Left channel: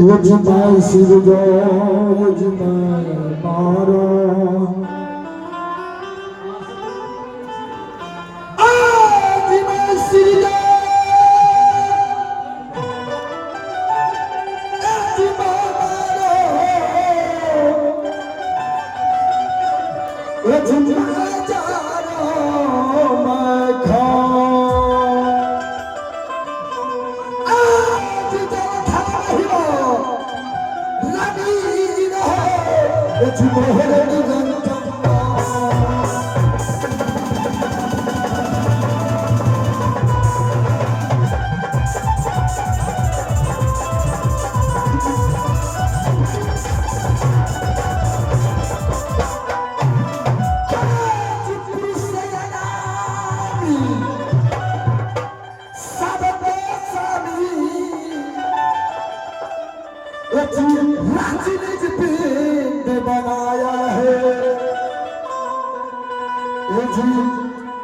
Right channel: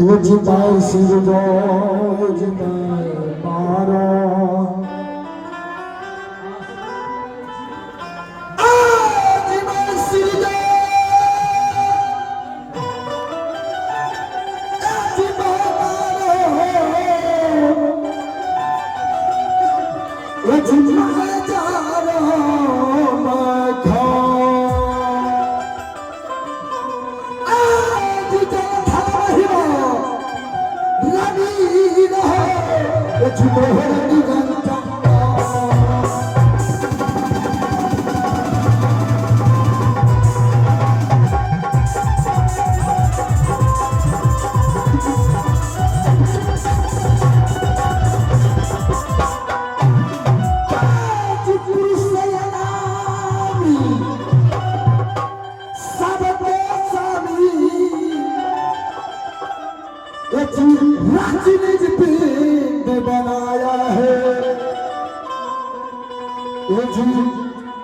यजमान शिव जो यजमान मारा बनाया है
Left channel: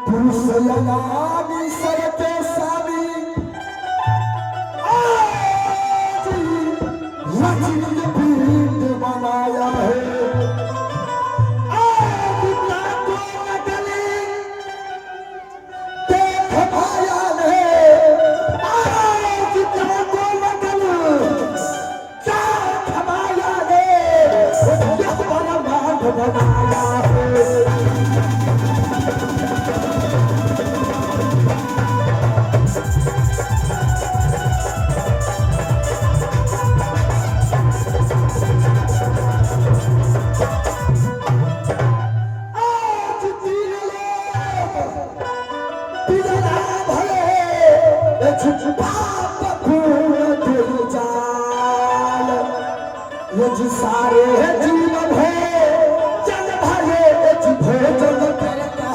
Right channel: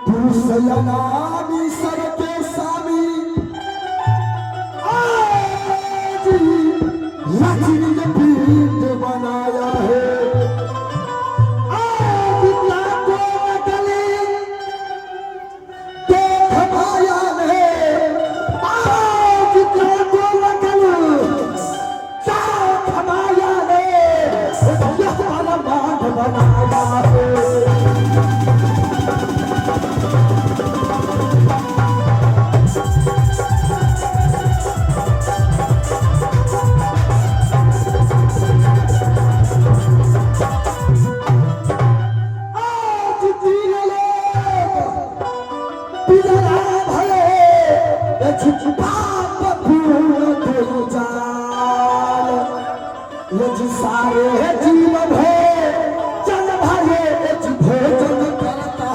पुरुषयनामी सरते स्वामी आज लक्ष्मी ने पीठ बनाया है आज नाको नकली देख माया ने आज नाको नकली देख माया ने यह वाला मान बनाया है सारे जीवन है जन भले भोजन करता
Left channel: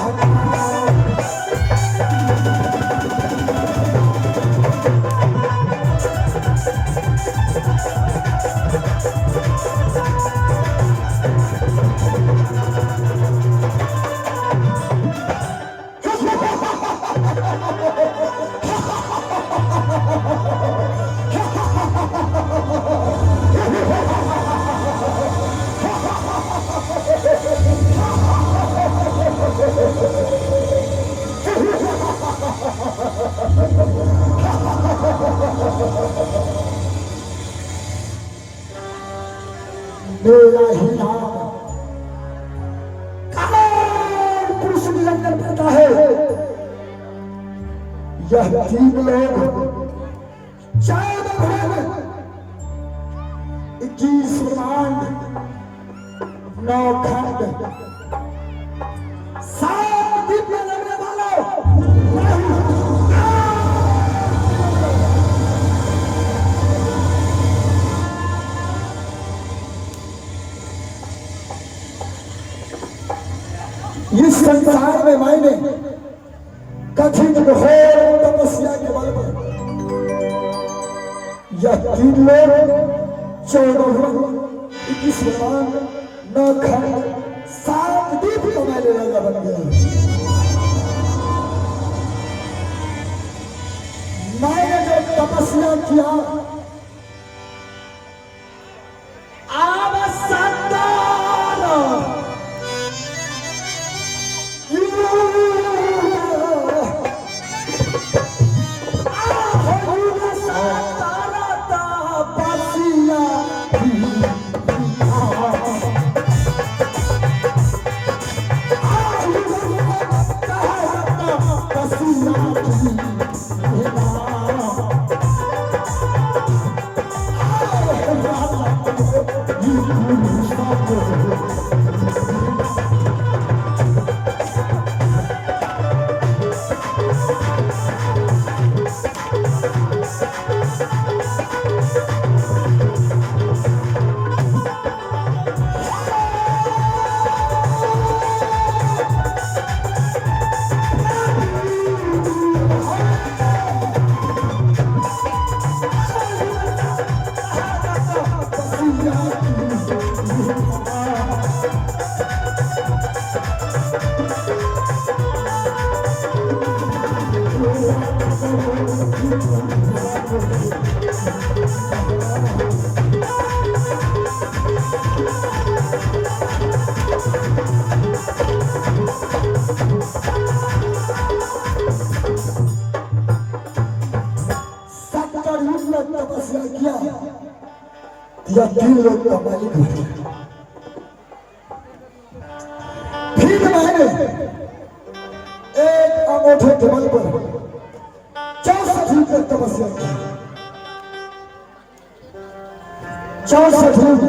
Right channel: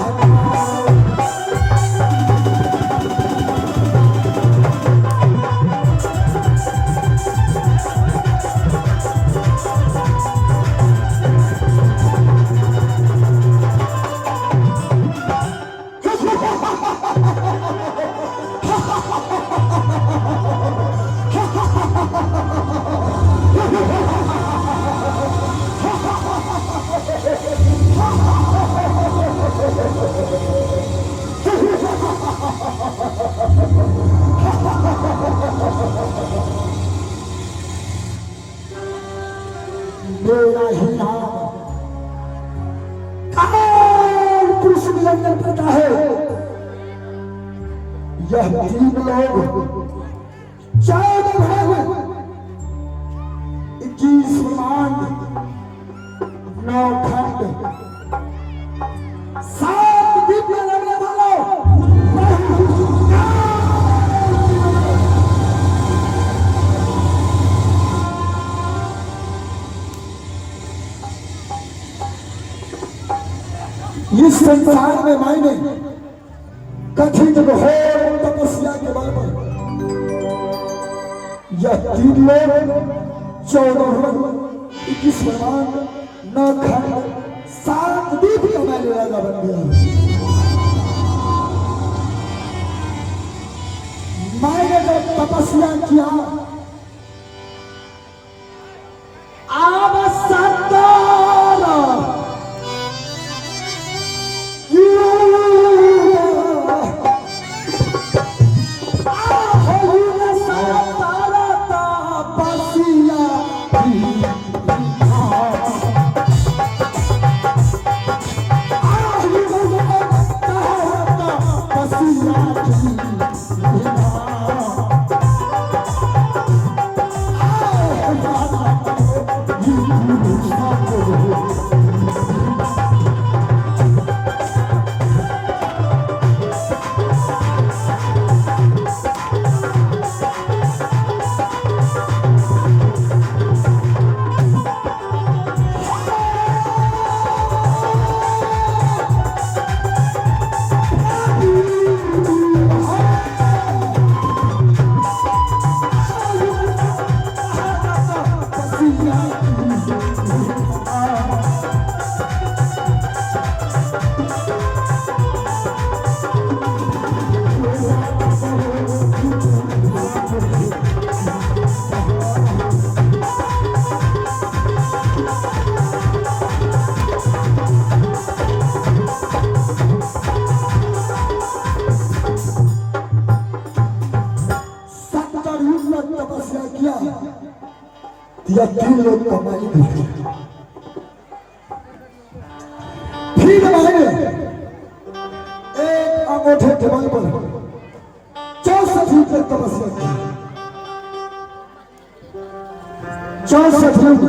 मेरा ही नाम कमल पुरुष निरंजन करता है यह तीन लोग 14 भवन 21 ब्रह्मांड 9 खंड 7 दिव्य लगने वालों इस संसार में मैंने कथित घोर तपस्या के बल पर यह 3 लोग 14 भवन 21 ब्रह्मांड 9 खंड 7 दीप का मैंने राजा बन गया। मैंने जो तपस्या किया तपस्या किया, यह 3 लोग का मालिक बन गया। फिर मैंने एक अंगूठे जबल पर 64 युग तक तपस्या की। 64 युग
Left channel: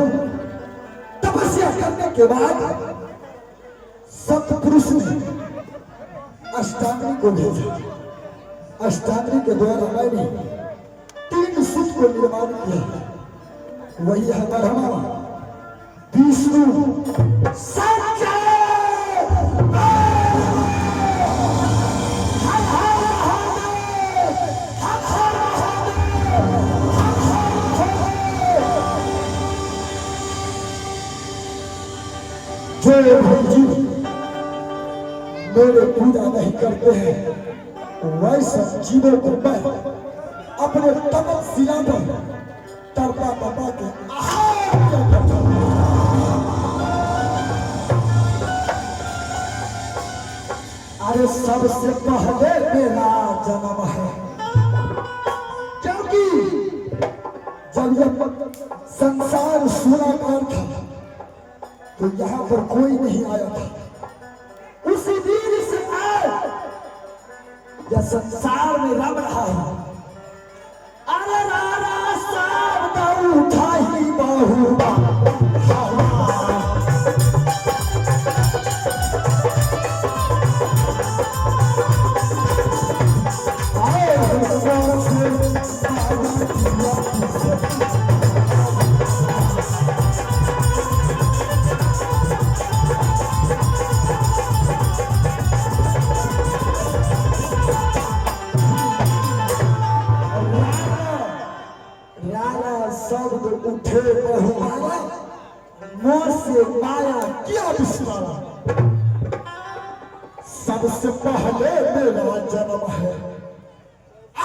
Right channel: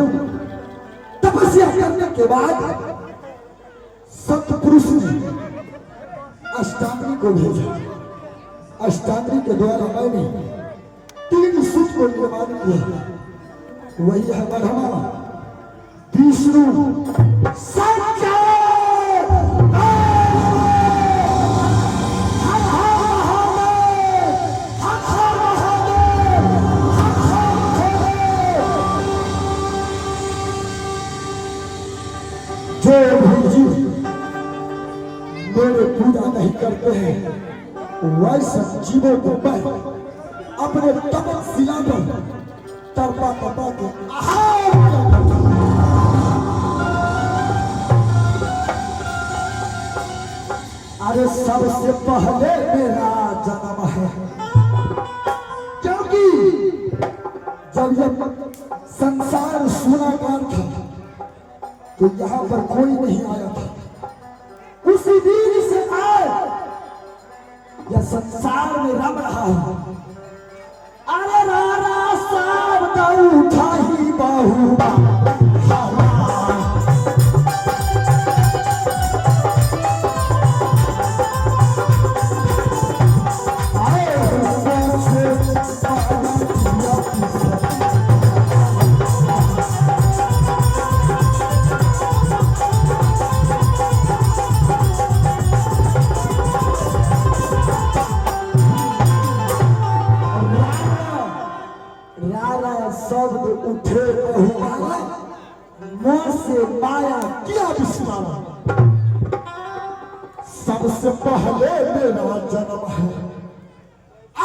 तपस्या करने के बाद सतपुरुष ने अष्टांगी को भेजा। अष्टांगी के द्वारा मैंने 3 सूत को निर्माण किया। वही है ब्रह्मा, विष्णु, शंकर। जो भाई जी मेरे पूजा नहीं करते हैं, वैसे जीवों को मैं अपने तपस्या में तड़पा तड़पा के अरे सबसे पहले मेरा जन्म है, क्योंकि जब ये संसार सूराकार था तो यहाँ पर कोई नहीं आया था। उसी दिन से आज यह संसार में रम रहा है। अरे रारा साहब का उठा ही बाहू सबसे पहले मेरा जन्म है।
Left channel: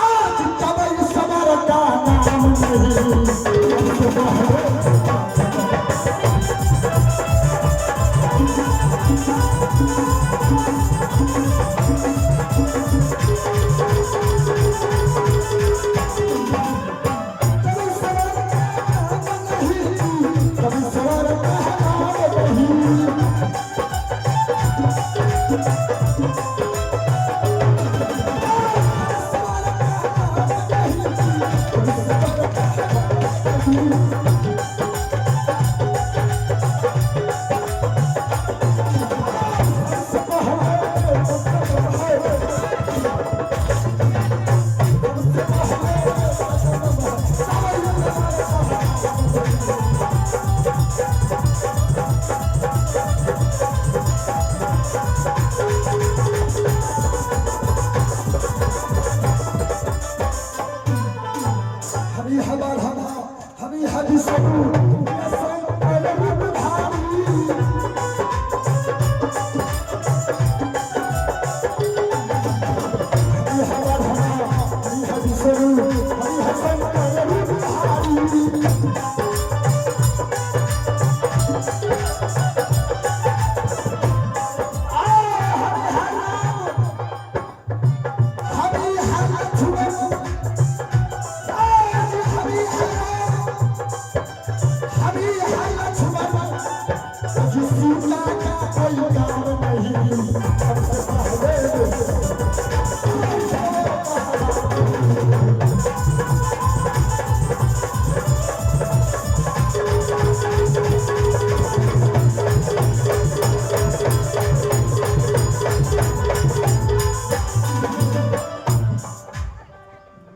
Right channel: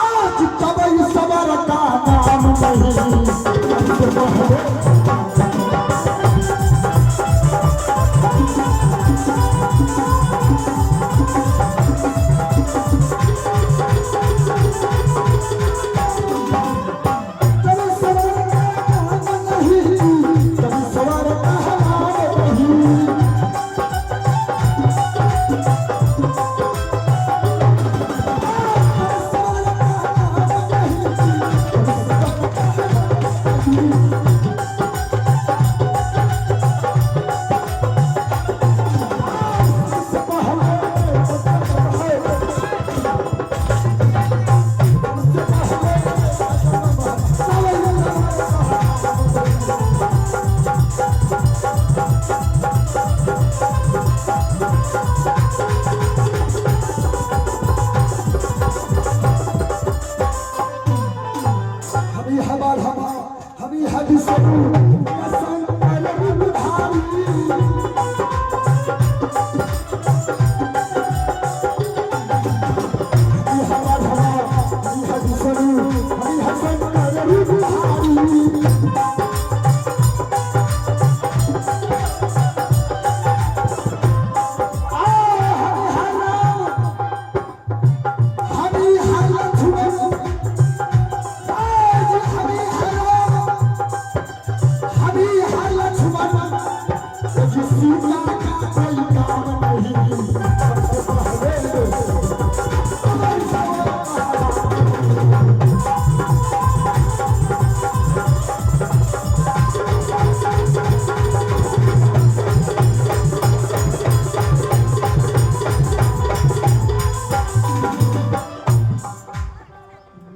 आज कभी सबर का नाम नहीं, सबसे पहले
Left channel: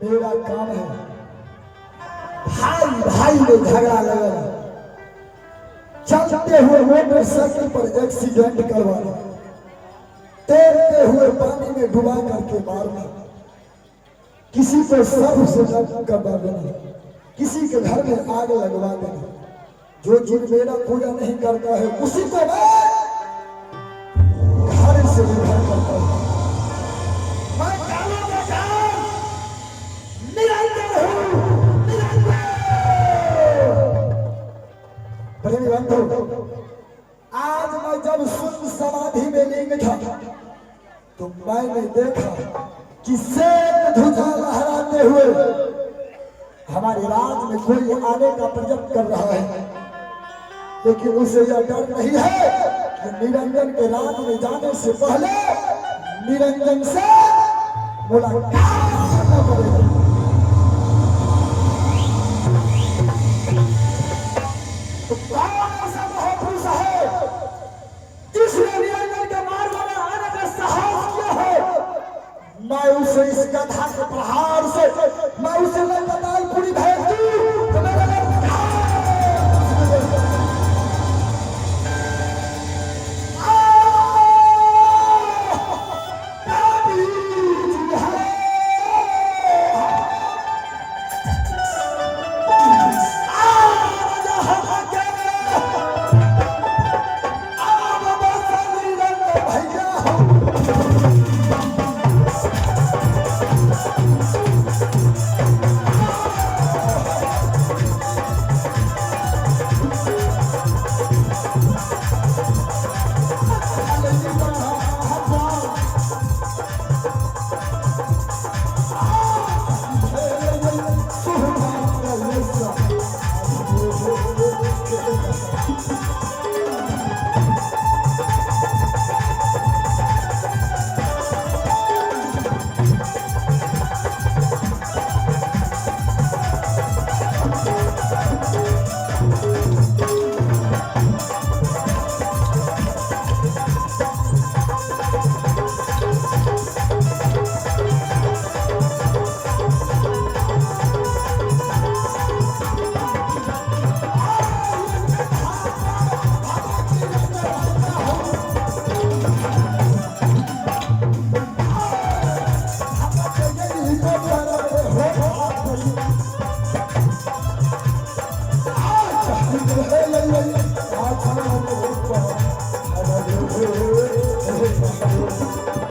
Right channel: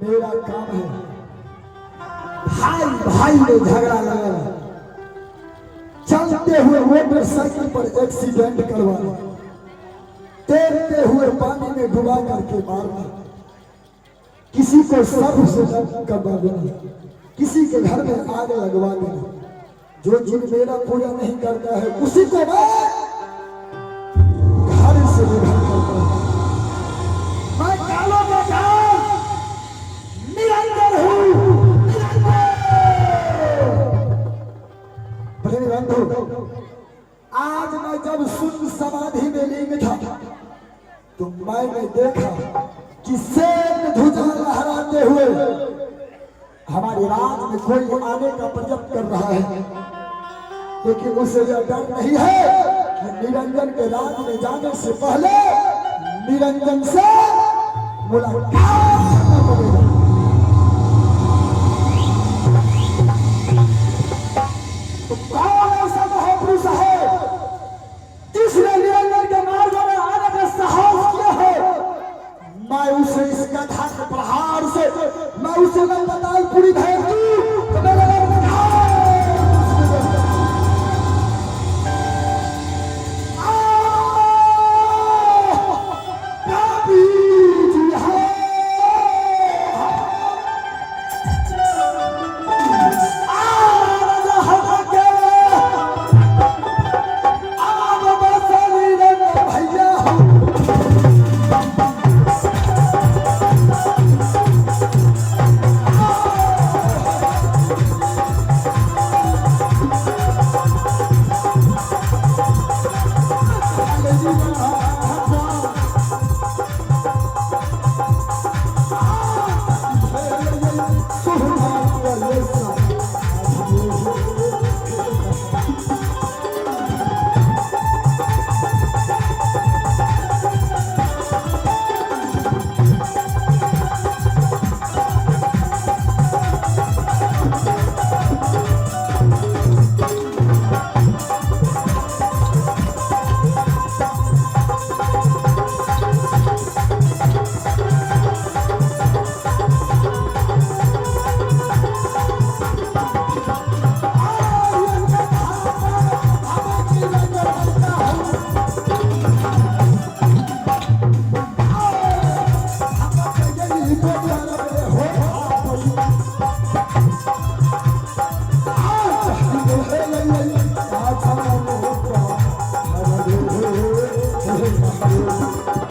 मेरा काम है भाई भाई में झगड़ा लगा, चलते हुए मोटरसाइकिल पर एक्सीडेंट करवाना, तैरते हुए पानी में डुबा करके मारना, किसी को सर्व से करवा देना, किसी के घर में आग लगवा देना। जो जिन मेरा पूजा नहीं करता है उसी को मैं घर से निधन करता हूं। मैं कालों का काल निरंतर हूं, प्रेमी बंधु। आज मैं जब शुद्ध समाधि में लीन था तो मैंने देखा कि शेर ध्वजा लहराते हुए हमारे राज में कोई आने का प्रयत्न कर रहा है, लेकिन उसे यह डर नहीं है कि निरंजन के राज में जाने से पहले निरंजन से मुलाकात करना पड़ेगा। तो कौन ऐसा महापुरुष है जिसने निरंजन के मार्ग में आने का साहस किया है? मैं उसे इस गधा के प्रहार से मैं उसे मैं बता